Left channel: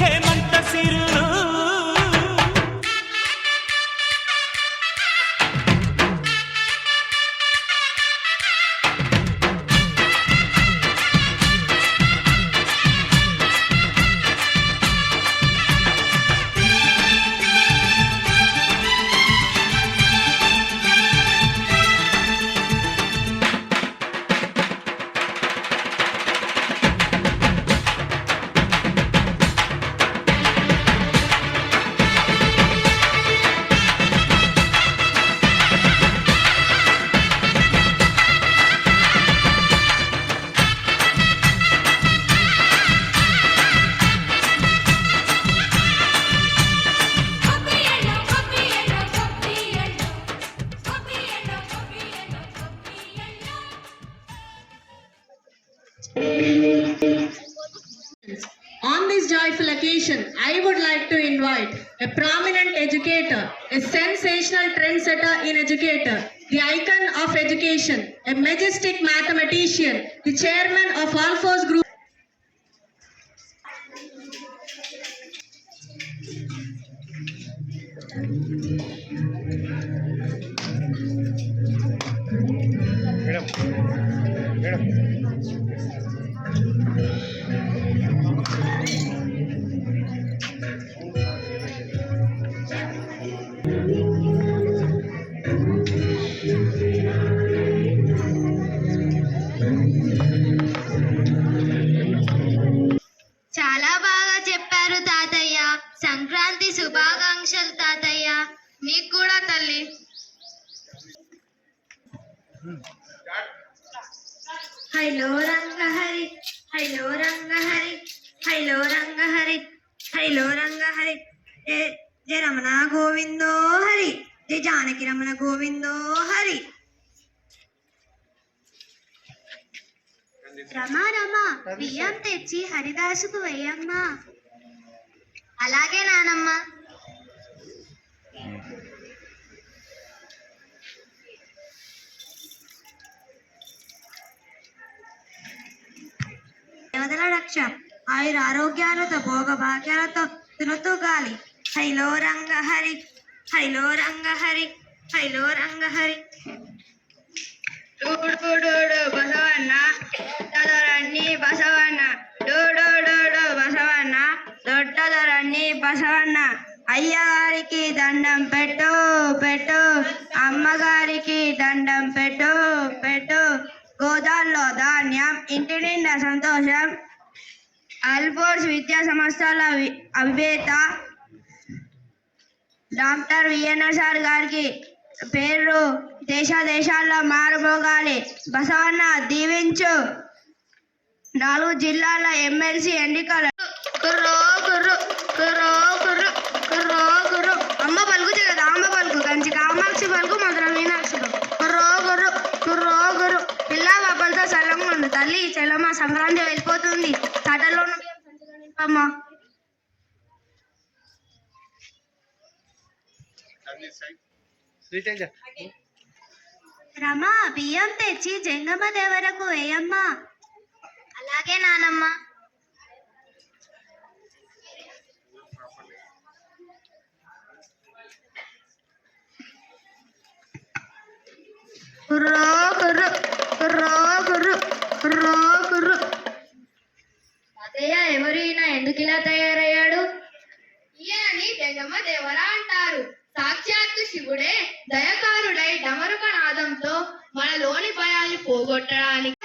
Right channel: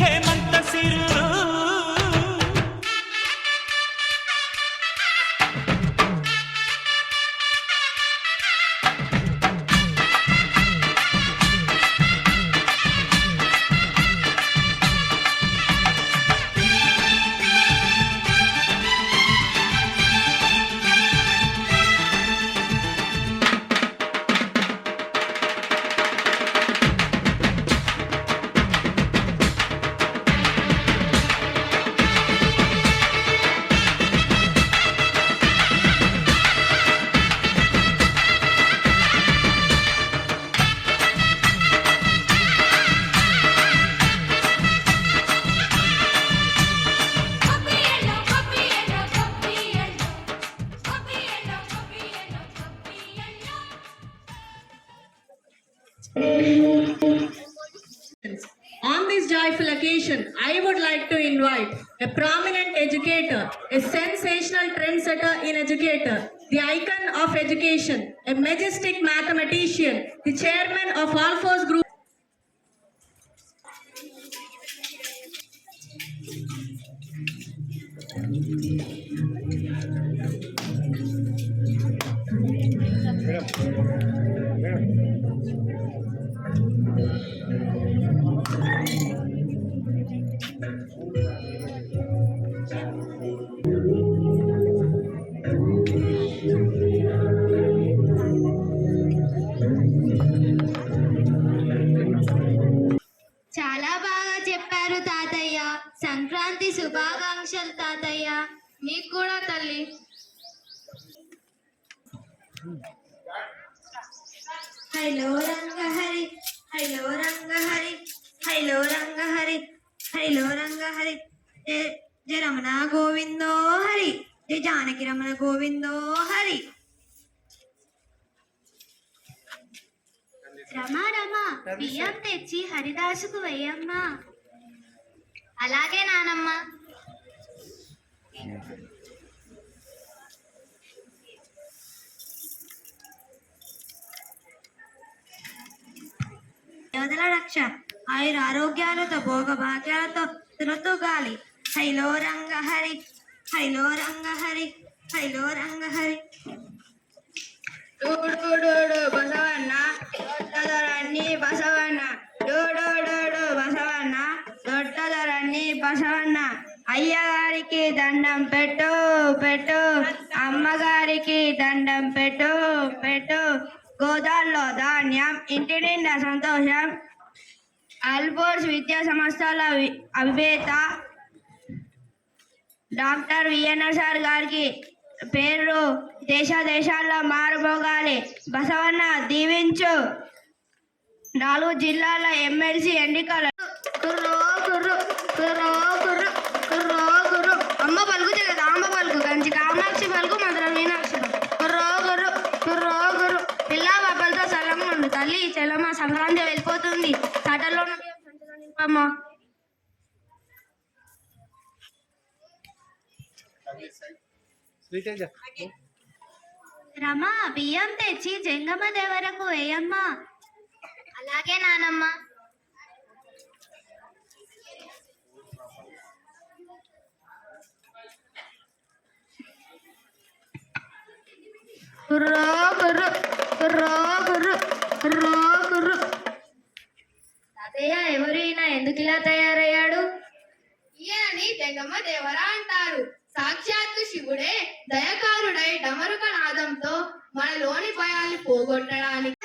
హేమంత సిరులు On this joyful occasion, I would like to invite a prominent educator, a sensational trendsetter in educator, the icon of education, a majestic mathematician, the chairman of Alphos Group. నీకు కూడా తల్లి. హైలో రంగహరి హైలో రంగహరి హైలో రంగహరి హైలో రంగహరి జయ రమణ గోవిందో హరి జయ జానకి రమణ గోవిందో హరి. రమా రమా బియ్యం తెచ్చి హరిదాసుకు వెయ్యమ్మా అలాగే నానమ్మ. దేవతల రక్ష ఆయుర ఆరోగ్యాలతో భోగ భాగ్యాలతో తులతూ గాలి. హైలో రంగ హరి హైలో రంగ హరి హైలో రంగ హరి. బసవన్న. దొడ్డదొరన్ని బసవన్న. డూడు బసవన్న. దొడ్డదొరన్ని బసవన్న. అయ్యా దండం పెట్టు పెట్టు. అమ్మగారికి దండం పెట్టు పెట్టు. గోదాల్లో ధాన్యం ఇంటి నిండా సంతోషం. అల్పోర్స్ విద్యా సంస్థల వి- అవివేత. డాక్టర్ విఎన్ఆర్ సార్ గారికి పేరు దేశ దేశాల్లో మారుమోగాలి. బసవన్న దీవించు. నాలుగు జిల్లాల ఎమ్మెల్సీ ఎన్నికలు కుర్రో కుర్రు కుర్రో కుర్రు. సంచిలో నింపమ్మా రమా బియ్యం తెచ్చి జంగమ్మ దేవరకు వేయమ్మా. అలాగే నానమ్మ. కుర్రో కుర్రు కుర్రో కుర్రు కుర్రో ఎవరు ఈయన ఎందుకు ఇలా తయారయ్యాడు ఈయనని జంగమ్మ దేవర అంటారు. సాక్షాత్తు శివుడే దయకారుడై డమరుక నాదంతో మనలోని భయాలు పోగొట్టడానికి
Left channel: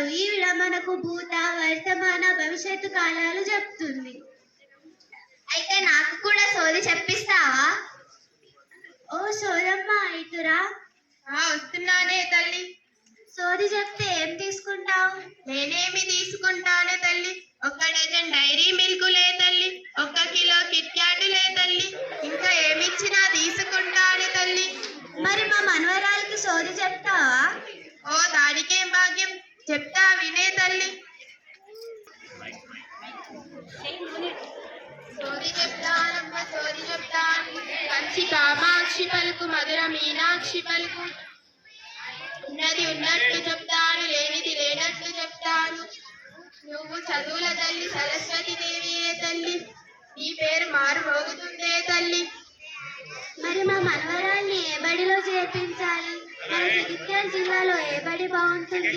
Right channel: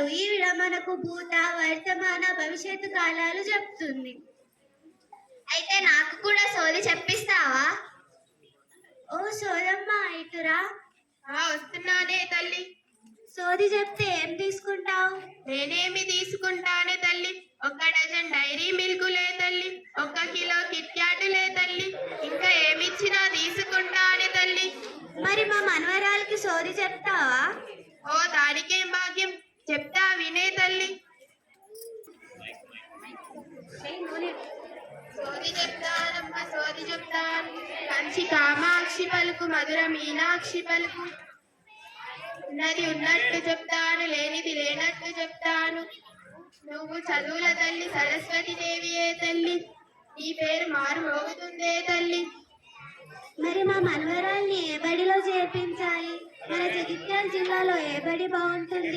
అంటారు ఈవిడ మనకు భూత వర్తమాన భవిష్యత్తు కాలాలు చెప్తుంది. అయితే నాకు కూడా సోది చెప్పిస్తావా? ఓ సోదమ్మ ఇటురా. వస్తున్నానే తల్లి. సోది చెప్తే ఏం తీసుకుంటావు? నేనేమి తీసుకుంటానే తల్లి? ఒక డజన్ డైరీ మిల్క్ లే తల్లి. ఒక కిలో కిట్ క్యాట్ లే తల్లి. ఇంకా ఏమిచ్చినా తీసుకుంటానే తల్లి. మరి మా మనవరాలకి సోది చెప్తావా? ఓ దానికేం భాగ్యం? చెప్తా వినే తల్లి. సోది చెప్తానమ్మ సోది చెప్తాను మంచి కామాక్షి పలుకు మధుర మీనాక్షి పలుకు. ఉన్నది ఉన్నట్టు చెప్తాను లేనిది లేనట్టు చెప్తాను. నువ్వు చదువుల తల్లి సరస్వతి దేవియే తల్లి? నీ పేరు మారు మోగుతుందే తల్లి. మరి మా మనవరాల్ని ఏ బడిలో చేర్పించాలి? మన జగిత్యాల జిల్లాలో ఏ బడి బాగుంటుంది?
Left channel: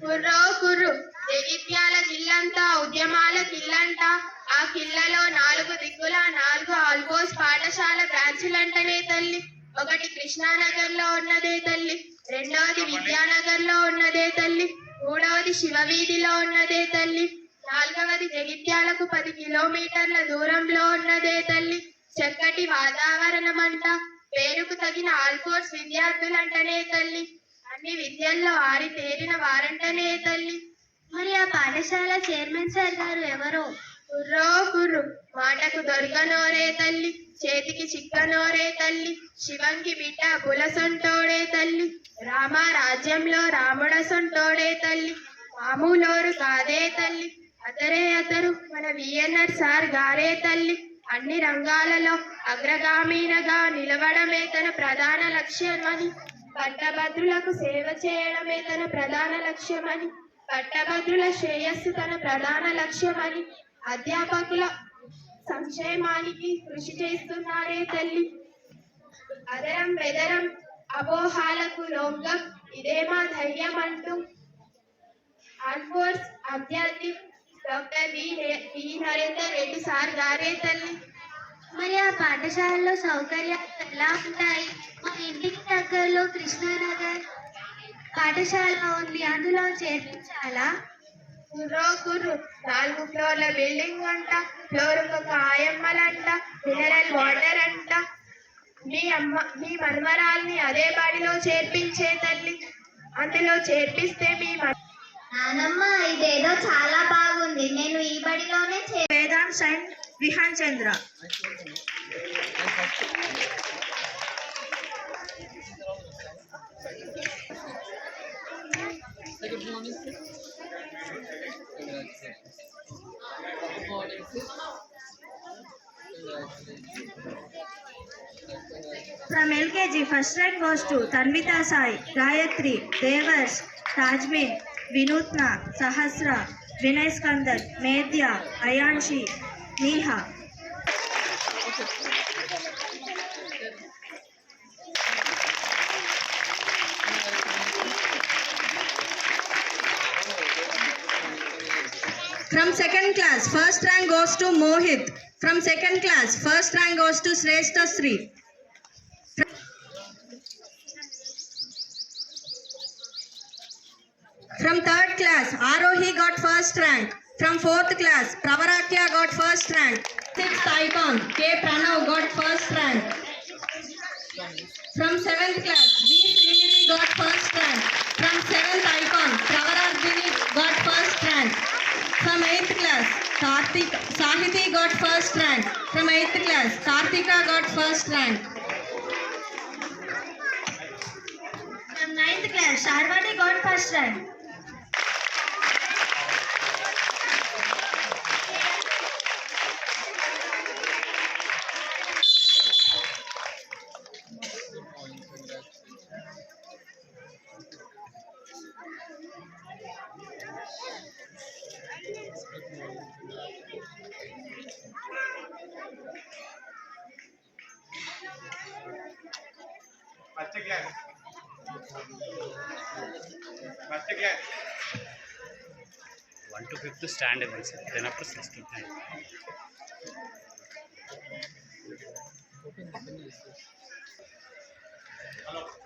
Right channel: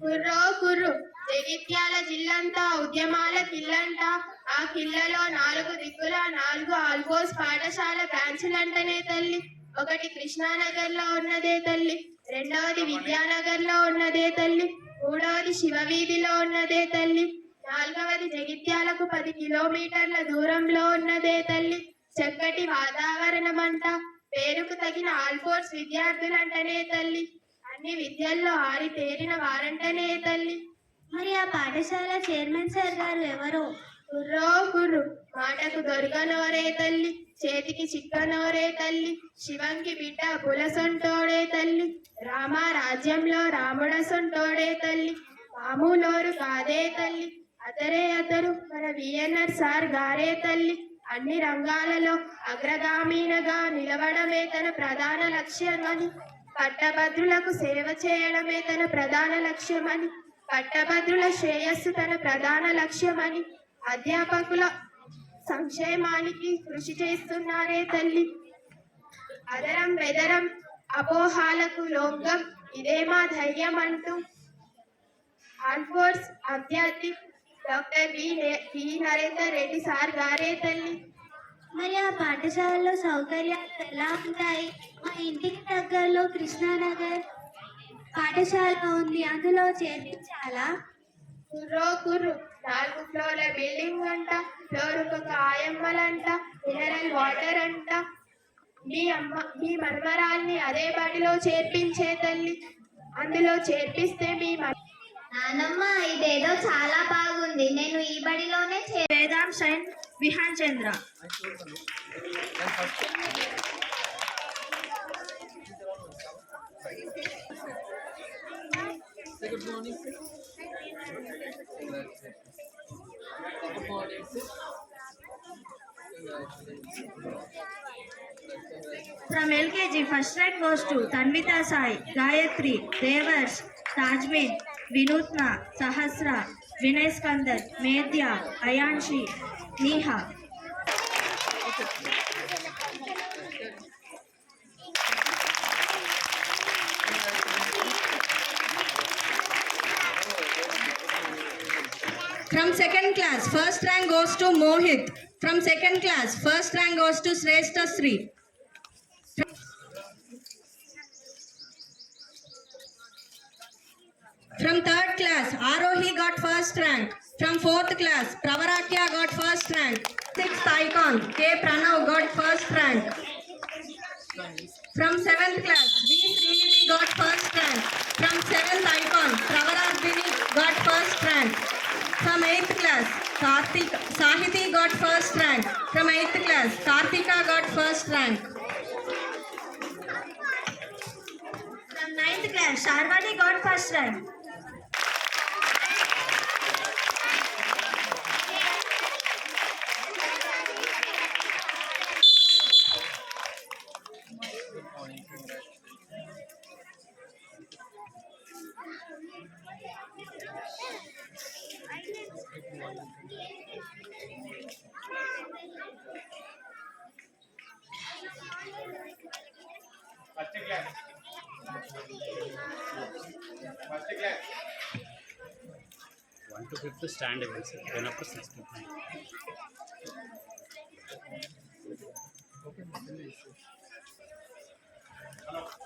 కుర్రో కుర్రు జగిత్యాల జిల్లంతా ఉద్యమాల కిల్లంట ఆ కిల్లలో నాలుగు దిక్కుల నాలుగు ఆల్గోస్ పాఠశాల బ్రాంచులంటనే తల్లి. ఒకటి కృష్ణానగర్లో ఉన్నదే తల్లి రెండవది విద్యానగర్లో ఉన్నదే తల్లి మూడవది శివవీధిలో ఉన్నదే తల్లి నాలుగవది జగిత్యాలకు పది కిలోమీటర్ల దూరంలో ఉన్నదే తల్లి. చక్కటి వాతావరణం అంట పేరుకు తగిన ఆల్ఫోర్స్ విద్యార్థులంటనే తల్లి. అన్ని విద్యల్లో ఆరి తేరిన వారంటనే తల్లి. మరి ఆ పాఠశాల చైర్మన్ సార్ గారు ఎవరు? కుర్రో కుర్రు మాటకు దొరకనోరే తల్లి చేతికి చిక్కనోరే తల్లి శివంకి బిడ్డ బులసొంటోడే తల్లి రామ రాజ్యంలో రాముడసొంటోడే తల్లి మామూలోరు కాదే తల్లి అతరే అతరు మన విఎన్ఆర్ సార్ గారే తల్లి అన్ని రంగాలలో అగ్రగామీనగా నిలవడమే తన ప్రధాన లక్ష్యమని పట్టభద్రులకు సేవ చేయడమే తన ప్రధాన లక్ష్యమని పట్టభద్రుల శ్రేయస్సు తన ప్రధాన లక్ష్యమని అధ్యాపకుల సంక్షేమానికి కృషి చేస్తున్నారే తల్లి. అదరం బెదరం అపోహాలకు లొంగం ఇదే మా ధైర్యం అంటూ ఆల్ఫోర్స్ అభ్యర్థి డాక్టర్ బి నే- బి నరేందర్ రెడ్డి సార్ గారే తల్లి. మరి ఆ పాఠశాలలో సౌకర్యాలు ఎలా ఉంటాయి? ఇంటికి దగ్గరలో కృష్ణానగర్ పాఠశాల ఉంది. అందులో చేర్పించాలా? కుర్రో కుర్రు నాలుగు ఫ్లోర్ల బిల్డింగ్ అంట ఫ్లోర్ ఒక ఆయమ్మలంట మినరల్ వాటర్ అంట. మీ అమ్మ మీ మన్మరాల్ని అదే బడిలో చేర్పించే తల్లి. అందులో చేర్పిస్తే మీ నానమ్మ ఇదేదో చాలా బాగుంది. నేను ఈ బడిలోనే Vedant and Vihaan Chandra. Good morning, sir. Congratulations. Good morning, sir. From LKG, first rank goes to Tanvita Sai, Gayatri, Devers, Tajmin, Vinutna, Sahasra, Vinay Skandar, Medya, Ayanshi, Neha. From second class, first rank goes to Mohit. From second class, first rank goes to Sreshta Sri. From third class, Arohi got first rank. From fourth class, Pravarakya got first rank. Sixth icon, K. Pranav got first rank. From seventh class, V. Srinidhi got first rank. From seventh icon, Pravarardhini got first rank. From eighth class, Kartik, Sahiti got first rank. From eighth class, Kartika got first rank. From ninth class, Sharvati got first rank. क्या है one two fifth stand है hello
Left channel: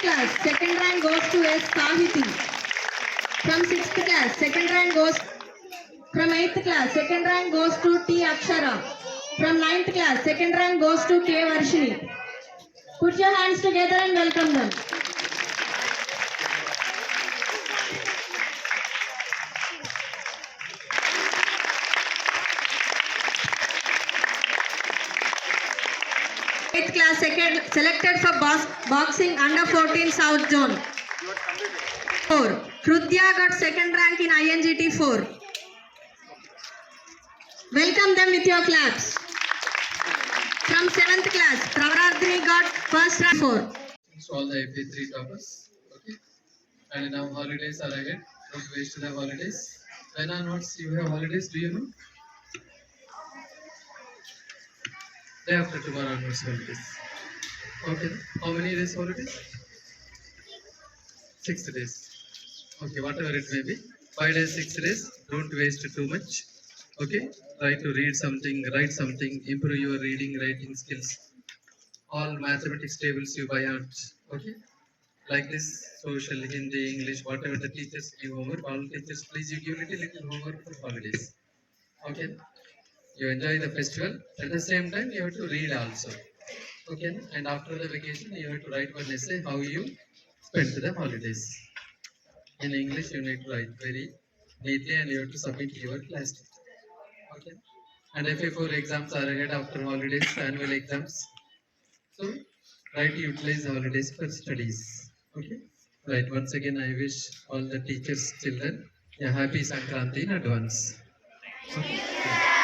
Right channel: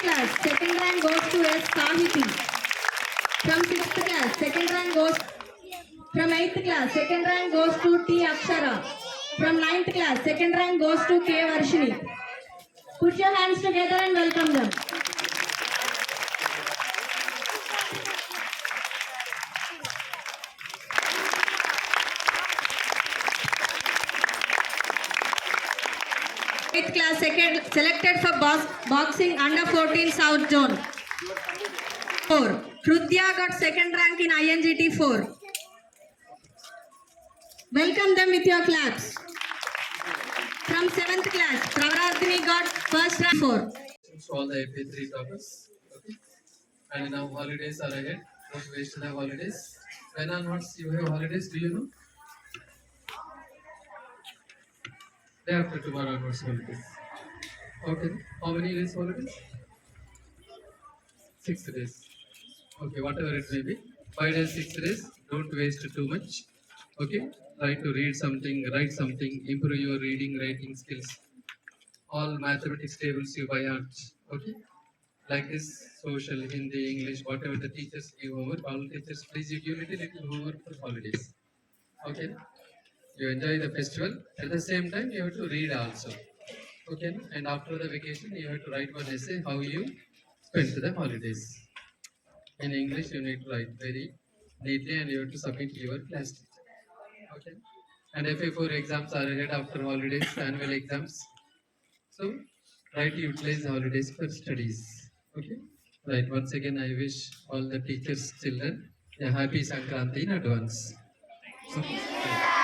sixth class, second rank goes to S. Sahiti. From sixth class, second rank goes from eighth class, second rank goes to T. Akshara. From ninth class, second rank goes to K. Varshini. Put your hands together and welcome them. Selected for box, boxing under 14 South Zone. 4. Hrudya got second rank in INGT 4. Welcome them with your claps. From 7th class, Pravardhini got first rank 4. to all the AP3 toppers. Okay. And now holidays are ahead. Don't waste the holidays. When onwards you have holidays, do you know? Day after tomorrow onwards holidays. Okay. How many days holidays? Six days. Okay, whatever it may be. Five days, six days. Don't waste too much. Okay. Try to read something, write something, improve your reading, writing skills all mathematics tables you buy out. Okay? Like this, social, Hindi, English, whatever the teachers give homework, all teachers, please you give little, little homework for holidays. Okay? You enjoy the festival. At the same time, you have to read also. Okay? And after the vacation, you have to write one essay how you spent the holidays. In English, you need to write very neatly and you have to submit your class. Okay? And FA4 exams are ahead after holidays, annual exams. So try to utilize holidays for studies. Okay. Right. Once again, I wish all the teachers, children, a happy Sankranti in advance. Okay.